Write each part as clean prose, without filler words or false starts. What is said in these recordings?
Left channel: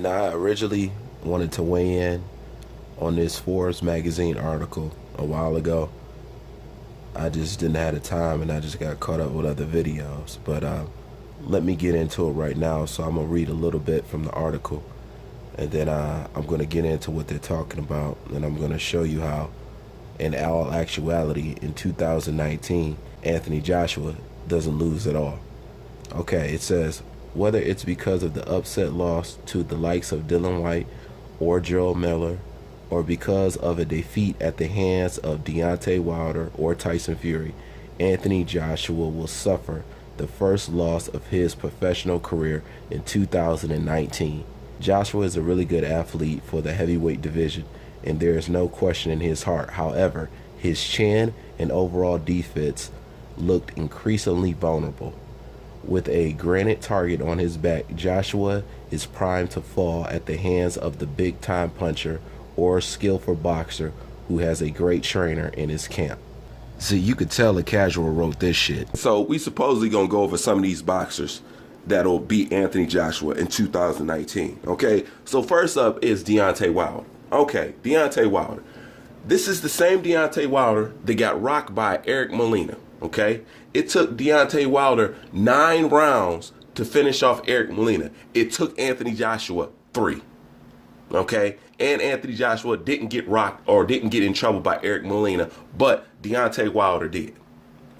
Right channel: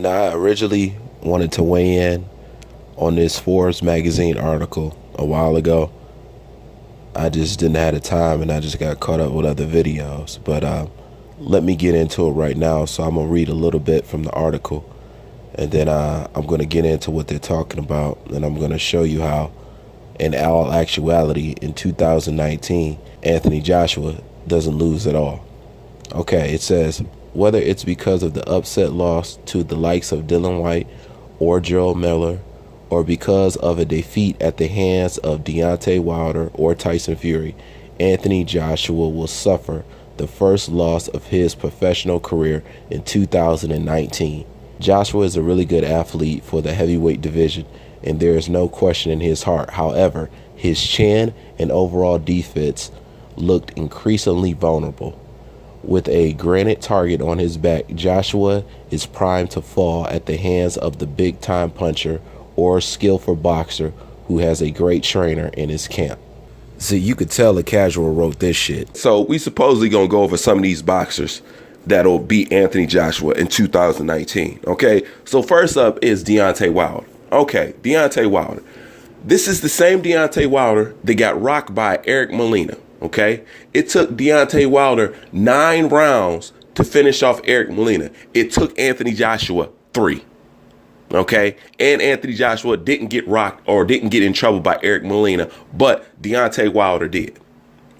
Now, I originally wanted to weigh in on this Forbes magazine article a while ago. I just didn't have the time and I just got caught up with other videos. But let me get into it right now. So I'm going to read a little bit from the article and then I'm going to get into what they're talking about. And I'm going to show you how, in all actuality, in 2019, Anthony Joshua doesn't lose at all. Okay, it says, whether it's because of the upset loss to the likes of Dylan White or Joe Miller, or because of a defeat at the hands of Deontay Wilder or Tyson Fury, Anthony Joshua will suffer the first loss of his professional career in 2019. Joshua is a really good athlete for the heavyweight division, and there is no question in his heart. However, his chin and overall defense looked increasingly vulnerable. With a granite target on his back, Joshua is primed to fall at the hands of the big-time puncher or skillful boxer who has a great trainer in his camp. See, you could tell a casual wrote this shit. So we supposedly gonna go over some of these boxers that'll beat Anthony Joshua in 2019. Okay, so first up is Deontay Wilder. Okay, Deontay Wilder. This is the same Deontay Wilder that got rocked by Eric Molina. Okay, it took Deontay Wilder 9 rounds to finish off Eric Molina. It took Anthony Joshua 3. Okay, and Anthony Joshua didn't get rocked or didn't get in trouble by Eric Molina, but Deontay Wilder did.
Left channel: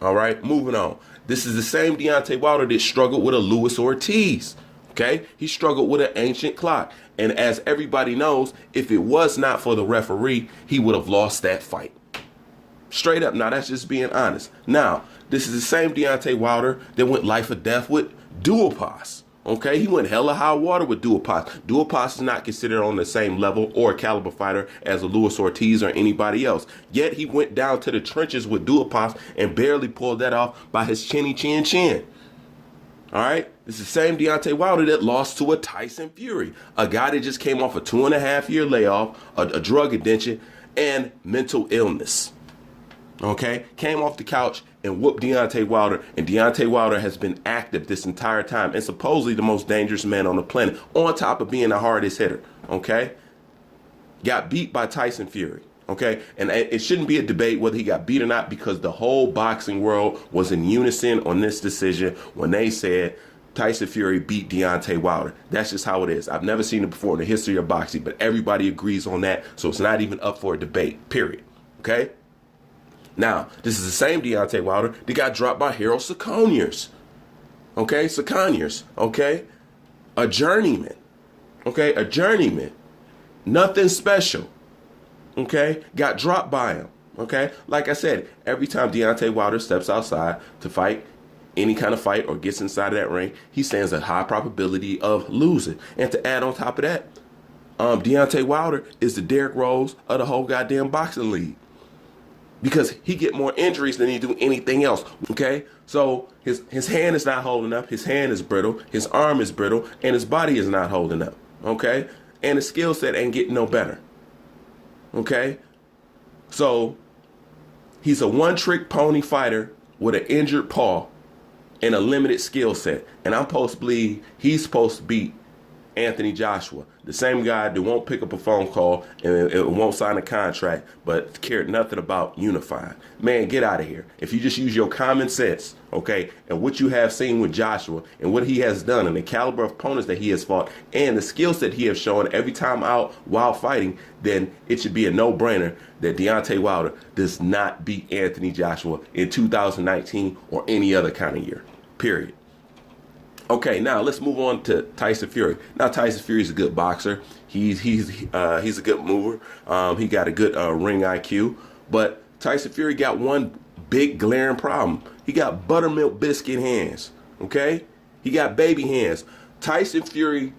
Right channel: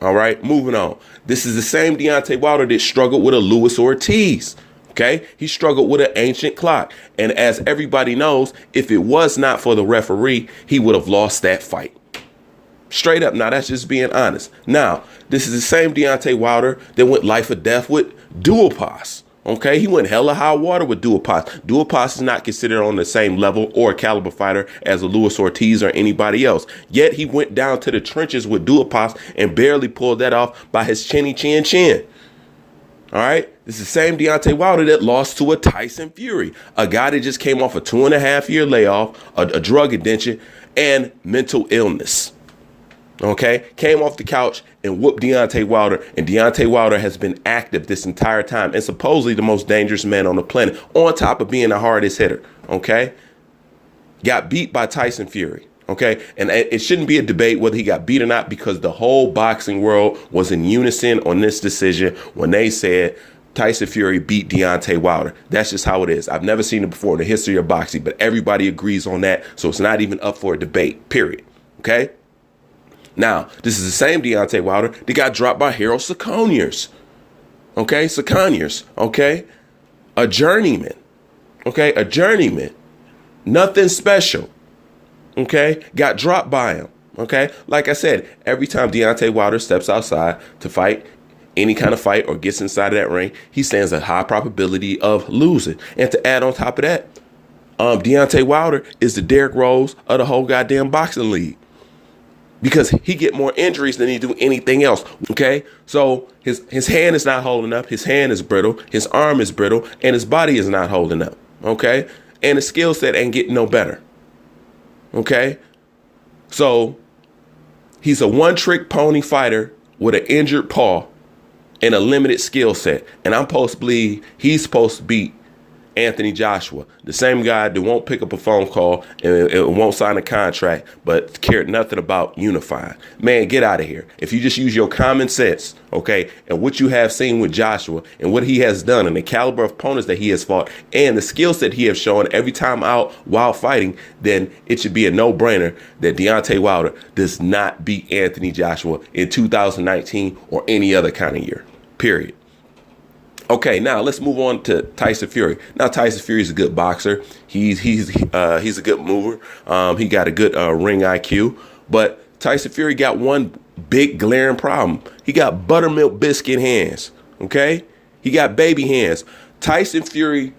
All right, moving on. This is the same Deontay Wilder that struggled with a Luis Ortiz. Okay, he struggled with an ancient clock. And as everybody knows, if it was not for the referee, he would have lost that fight. Straight up. Now, that's just being honest. Now, this is the same Deontay Wilder that went life or death with Duhaupas. Okay, he went hella high water with Duhaupas. Duhaupas is not considered on the same level or caliber fighter as a Luis Ortiz or anybody else. Yet he went down to the trenches with Duhaupas and barely pulled that off by his chinny chin chin. All right, this is the same Deontay Wilder that lost to a Tyson Fury, a guy that just came off a 2.5-year layoff, a drug addiction, and mental illness. Okay, came off the couch and whooped Deontay Wilder, and Deontay Wilder has been active this entire time and supposedly the most dangerous man on the planet, on top of being the hardest hitter. Okay, got beat by Tyson Fury. Okay, and it shouldn't be a debate whether he got beat or not, because the whole boxing world was in unison on this decision when they said Tyson Fury beat Deontay Wilder. That's just how it is. I've never seen it before in the history of boxing, but everybody agrees on that, so it's not even up for a debate, period. Okay? Now, this is the same Deontay Wilder that got dropped by Harold Sacconiers. Okay? Sacconiers. Okay? A journeyman. Okay? A journeyman. Nothing special. Okay? Got dropped by him. Okay? Like I said, every time Deontay Wilder steps outside to fight any kind of fight or gets inside of that ring, he stands a high probability of losing. And to add on top of that, Deontay Wilder is the Derrick Rose of the whole goddamn boxing league, because he get more injuries than he do anything else. Okay? So his hand is not holding up. His hand is brittle. His arm is brittle. And his body is not holding up. Okay? And his skill set ain't getting no better. Okay? So he's a one-trick pony fighter with an injured paw and a limited skill set. And I'm supposed to believe he's supposed to beat Anthony Joshua, the same guy that won't pick up a phone call and won't sign a contract, but cared nothing about unifying. Man, get out of here. If you just use your common sense, okay, and what you have seen with Joshua and what he has done and the caliber of opponents that he has fought and the skills that he has shown every time out while fighting, then it should be a no-brainer that Deontay Wilder does not beat Anthony Joshua in 2019 or any other kind of year, period. Okay, now let's move on to Tyson Fury. Now, Tyson Fury is a good boxer. He's a good mover. He got a good ring IQ. But Tyson Fury got one big glaring problem. He got buttermilk biscuit hands. Okay, he got baby hands. Tyson Fury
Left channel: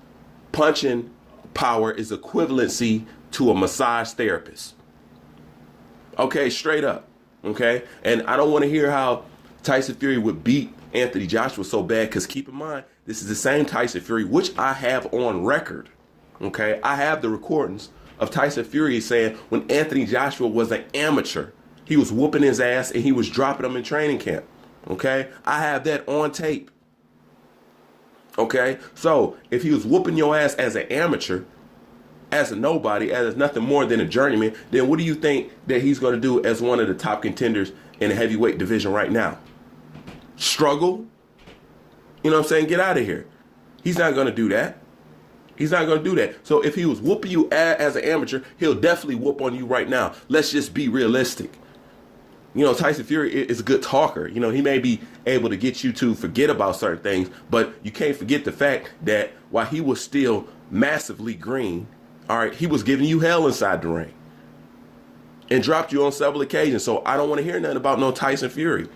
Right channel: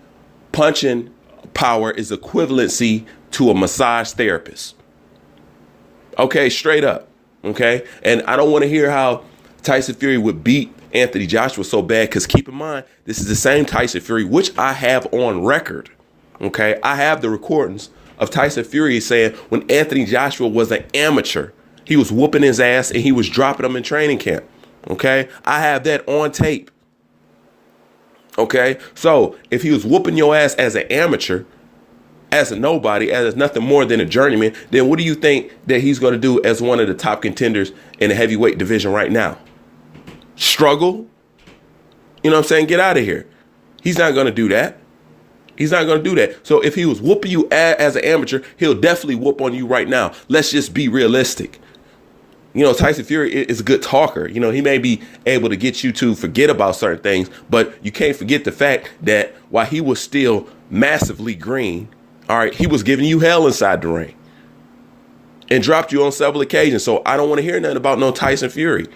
punching power is equivalency to a massage therapist. Okay, straight up. Okay, and I don't want to hear how Tyson Fury would beat Anthony Joshua so bad, because keep in mind, this is the same Tyson Fury, which I have on record. Okay, I have the recordings of Tyson Fury saying when Anthony Joshua was an amateur, he was whooping his ass and he was dropping him in training camp. Okay, I have that on tape. Okay? So if he was whooping your ass as an amateur, as a nobody, as nothing more than a journeyman, then what do you think that he's going to do as one of the top contenders in the heavyweight division right now? Struggle? You know what I'm saying? Get out of here. He's not going to do that. He's not going to do that. So if he was whooping you as an amateur, he'll definitely whoop on you right now. Let's just be realistic. You know, Tyson Fury is a good talker. You know, he may be able to get you to forget about certain things, but you can't forget the fact that while he was still massively green, all right, he was giving you hell inside the ring and dropped you on several occasions. So I don't want to hear nothing about no Tyson Fury.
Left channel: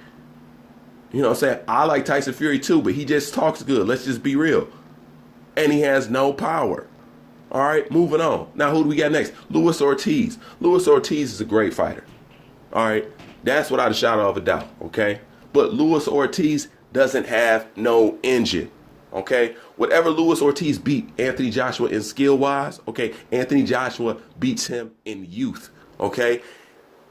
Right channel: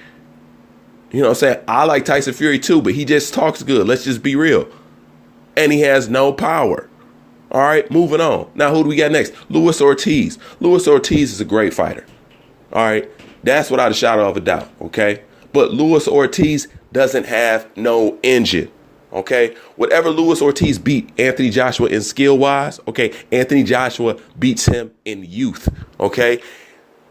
You know what I'm saying? I like Tyson Fury too, but he just talks good. Let's just be real. And he has no power. All right, moving on. Now, who do we got next? Luis Ortiz. Luis Ortiz is a great fighter. All right, that's without a shadow of a doubt, okay? But Luis Ortiz doesn't have no engine, okay? Whatever Luis Ortiz beat Anthony Joshua in skill-wise, okay, Anthony Joshua beats him in youth, okay?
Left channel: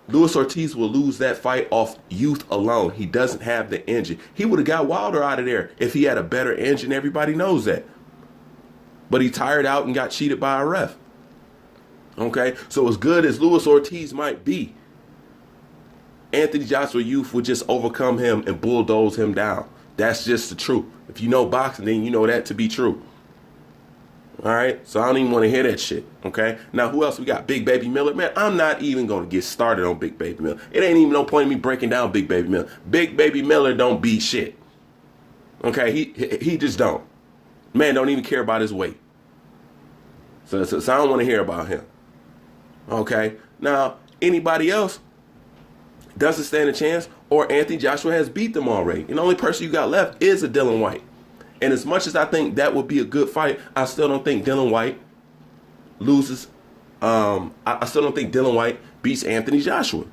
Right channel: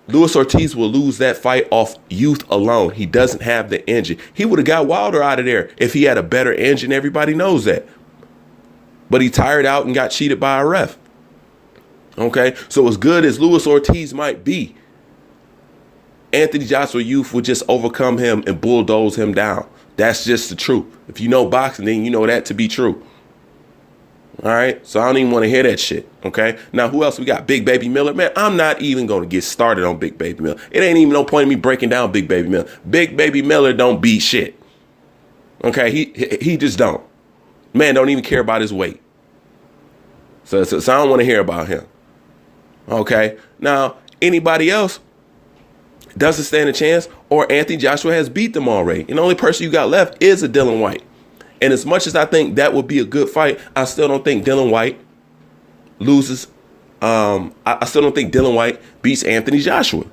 Luis Ortiz will lose that fight off youth alone. He doesn't have the engine. He would have got Wilder out of there if he had a better engine. Everybody knows that. But he tired out and got cheated by a ref. Okay, so as good as Luis Ortiz might be, Anthony Joshua youth would just overcome him and bulldoze him down. That's just the truth. If you know boxing, then you know that to be true. All right, so I don't even want to hear that shit, okay? Now, who else we got? Big Baby Miller. Man, I'm not even going to get started on Big Baby Miller. It ain't even no point in me breaking down Big Baby Miller. Big Baby Miller don't beat shit, okay? He just don't. Man, don't even care about his weight. So I don't want to hear about him, okay? Now, anybody else doesn't stand a chance, or Anthony Joshua has beat them already. And the only person you got left is a Dillian Whyte. And as much as I think that would be a good fight, I still don't think Dillian Whyte loses. I still don't think Dillian Whyte beats Anthony Joshua.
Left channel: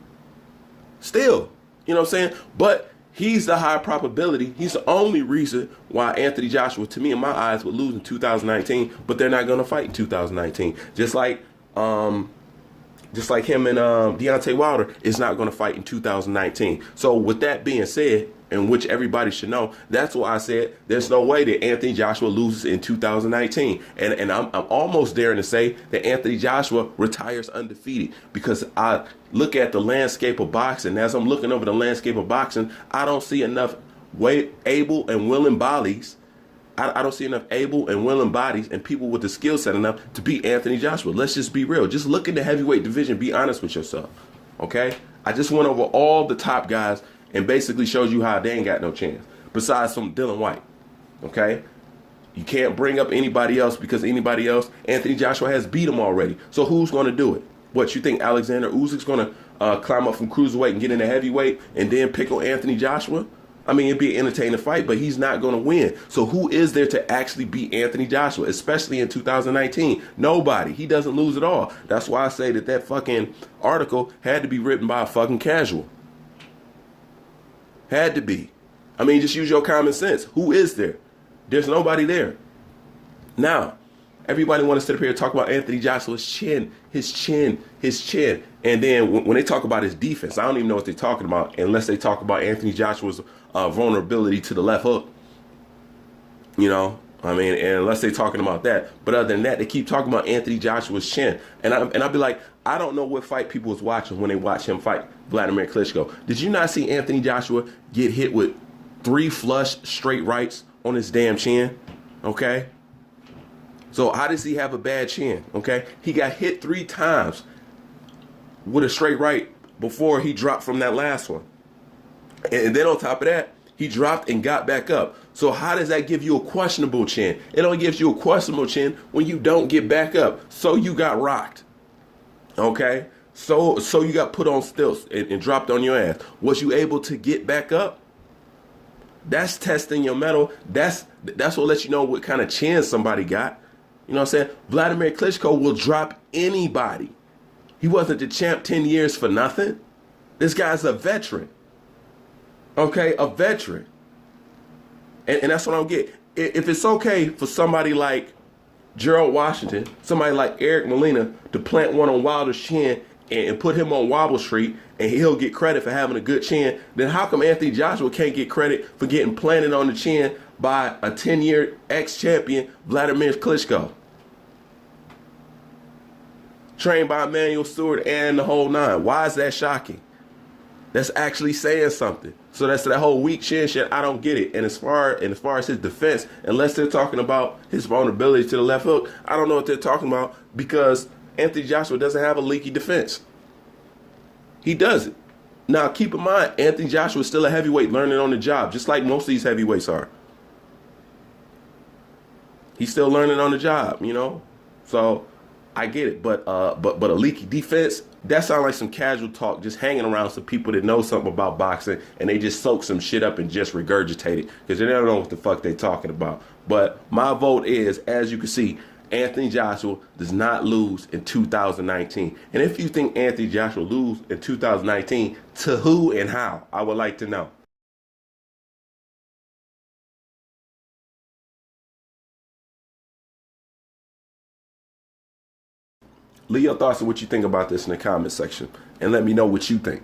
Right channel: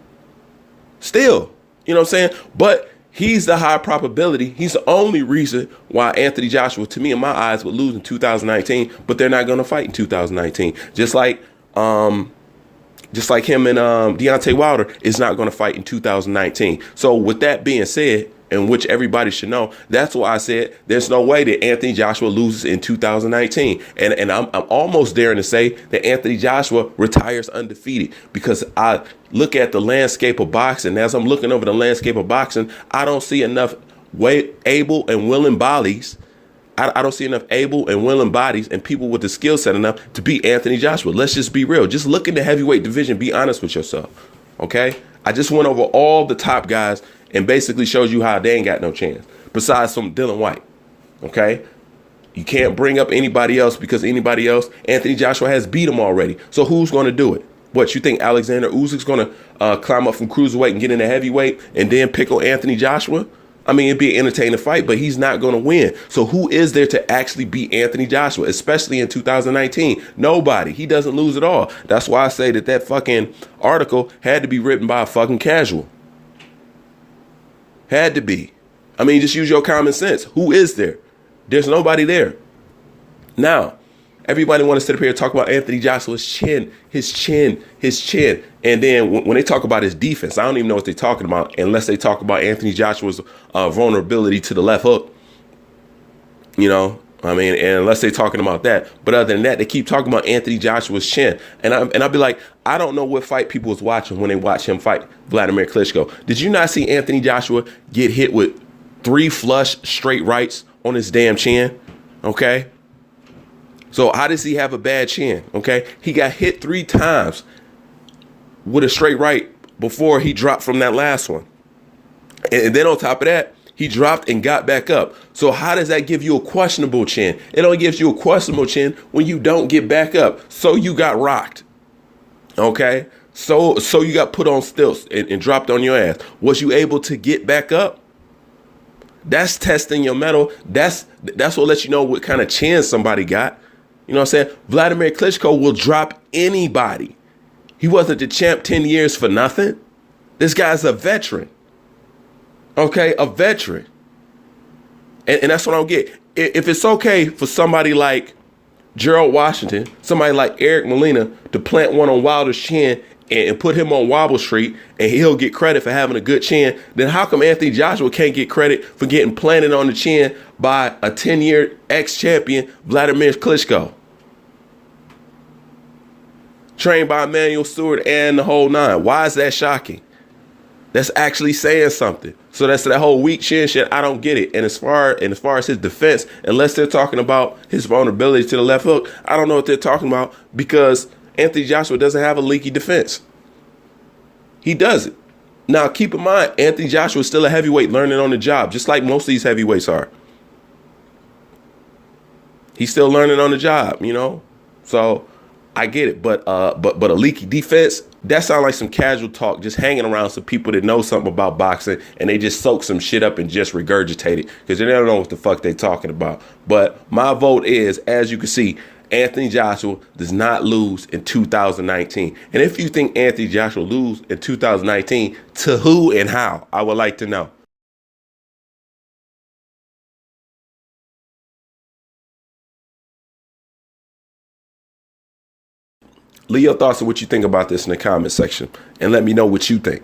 Still, you know what I'm saying? But he's the high probability. He's the only reason why Anthony Joshua, to me in my eyes, would lose in 2019. But they're not going to fight in 2019. Just like him and Deontay Wilder is not going to fight in 2019. So with that being said, and which everybody should know, that's why I said there's no way that Anthony Joshua loses in 2019. And I'm almost daring to say that Anthony Joshua retires undefeated, because I look at the landscape of boxing. As I'm looking over the landscape of boxing, I don't see enough able and willing bodies. I don't see enough able and willing bodies and people with the skill set enough to beat Anthony Joshua. Let's just be real. Just look in the heavyweight division. Be honest with yourself. Okay? I just went over all the top guys and basically shows you how they ain't got no chance, besides some Dillian Whyte, okay? You can't bring up anybody else, because anybody else, Anthony Joshua has beat him already. So who's going to do it? What, you think Alexander Usyk's going to climb up from cruiserweight and get into heavyweight and then pick on Anthony Joshua? I mean, it'd be an entertaining fight, but he's not going to win. So who is there to actually beat Anthony Joshua, especially in 2019? Nobody. He doesn't lose at all. That's why I say that fucking article had to be written by a fucking casual. Had to be. I mean, just use your common sense. Who is there? There's nobody there. Now, everybody want to sit up here and talk about Anthony Joshua's chin, his chin. And then when they talk about his defense, I don't even know what they're talking about unless they talk about Anthony Joshua's vulnerability to the left hook. You know, I mean, and unless they're talking about that. But other than that, they keep talking about Anthony Joshua's chin. And I'll be like, I don't know what fight people was watching when they watch him fight Vladimir Klitschko. Did you not see Anthony Joshua get hit with 3 flush straight rights on his damn chin? Okay. So how does he have a bad chin? Okay. He got hit 3 times with a straight right before he dropped from that last one. And then on top of that, he dropped and got back up. So how does that give you a questionable chin? It only gives you a questionable chin when you don't get back up. So you got rocked. Okay? So you got put on stilts and dropped on your ass. Was you able to get back up? That's testing your mettle. That's what lets you know what kind of chin somebody got. You know what I'm saying? Vladimir Klitschko will drop anybody. He wasn't the champ 10 years for nothing. This guy's a veteran. Okay, a veteran. And that's what I don't get. If it's okay for somebody like Gerald Washington, somebody like Eric Molina to plant one on Wilder's chin and put him on Wobble Street and he'll get credit for having a good chin, then how come Anthony Joshua can't get credit for getting planted on the chin by a 10-year ex-champion, Vladimir Klitschko? Trained by Emmanuel Stewart and the whole nine. Why is that shocking? That's actually saying something. So that's that whole weak chin shit. I don't get it. And as far as his defense, unless they're talking about his vulnerability to the left hook, I don't know what they're talking about, because Anthony Joshua doesn't have a leaky defense. He doesn't. Now, keep in mind, Anthony Joshua is still a heavyweight learning on the job, just like most of these heavyweights are. He's still learning on the job, you know? So I get it. But a leaky defense, that sounds like some casual talk, just hanging around some people that know something about boxing, and they just soak some shit up and just regurgitate it because they don't know what the fuck they're talking about. But my vote is, as you can see, Anthony Joshua does not lose in 2019. And if you think Anthony Joshua lose in 2019, to who and how? I would like to know. Leave your thoughts on what you think about this in the comment section, and let me know what you think.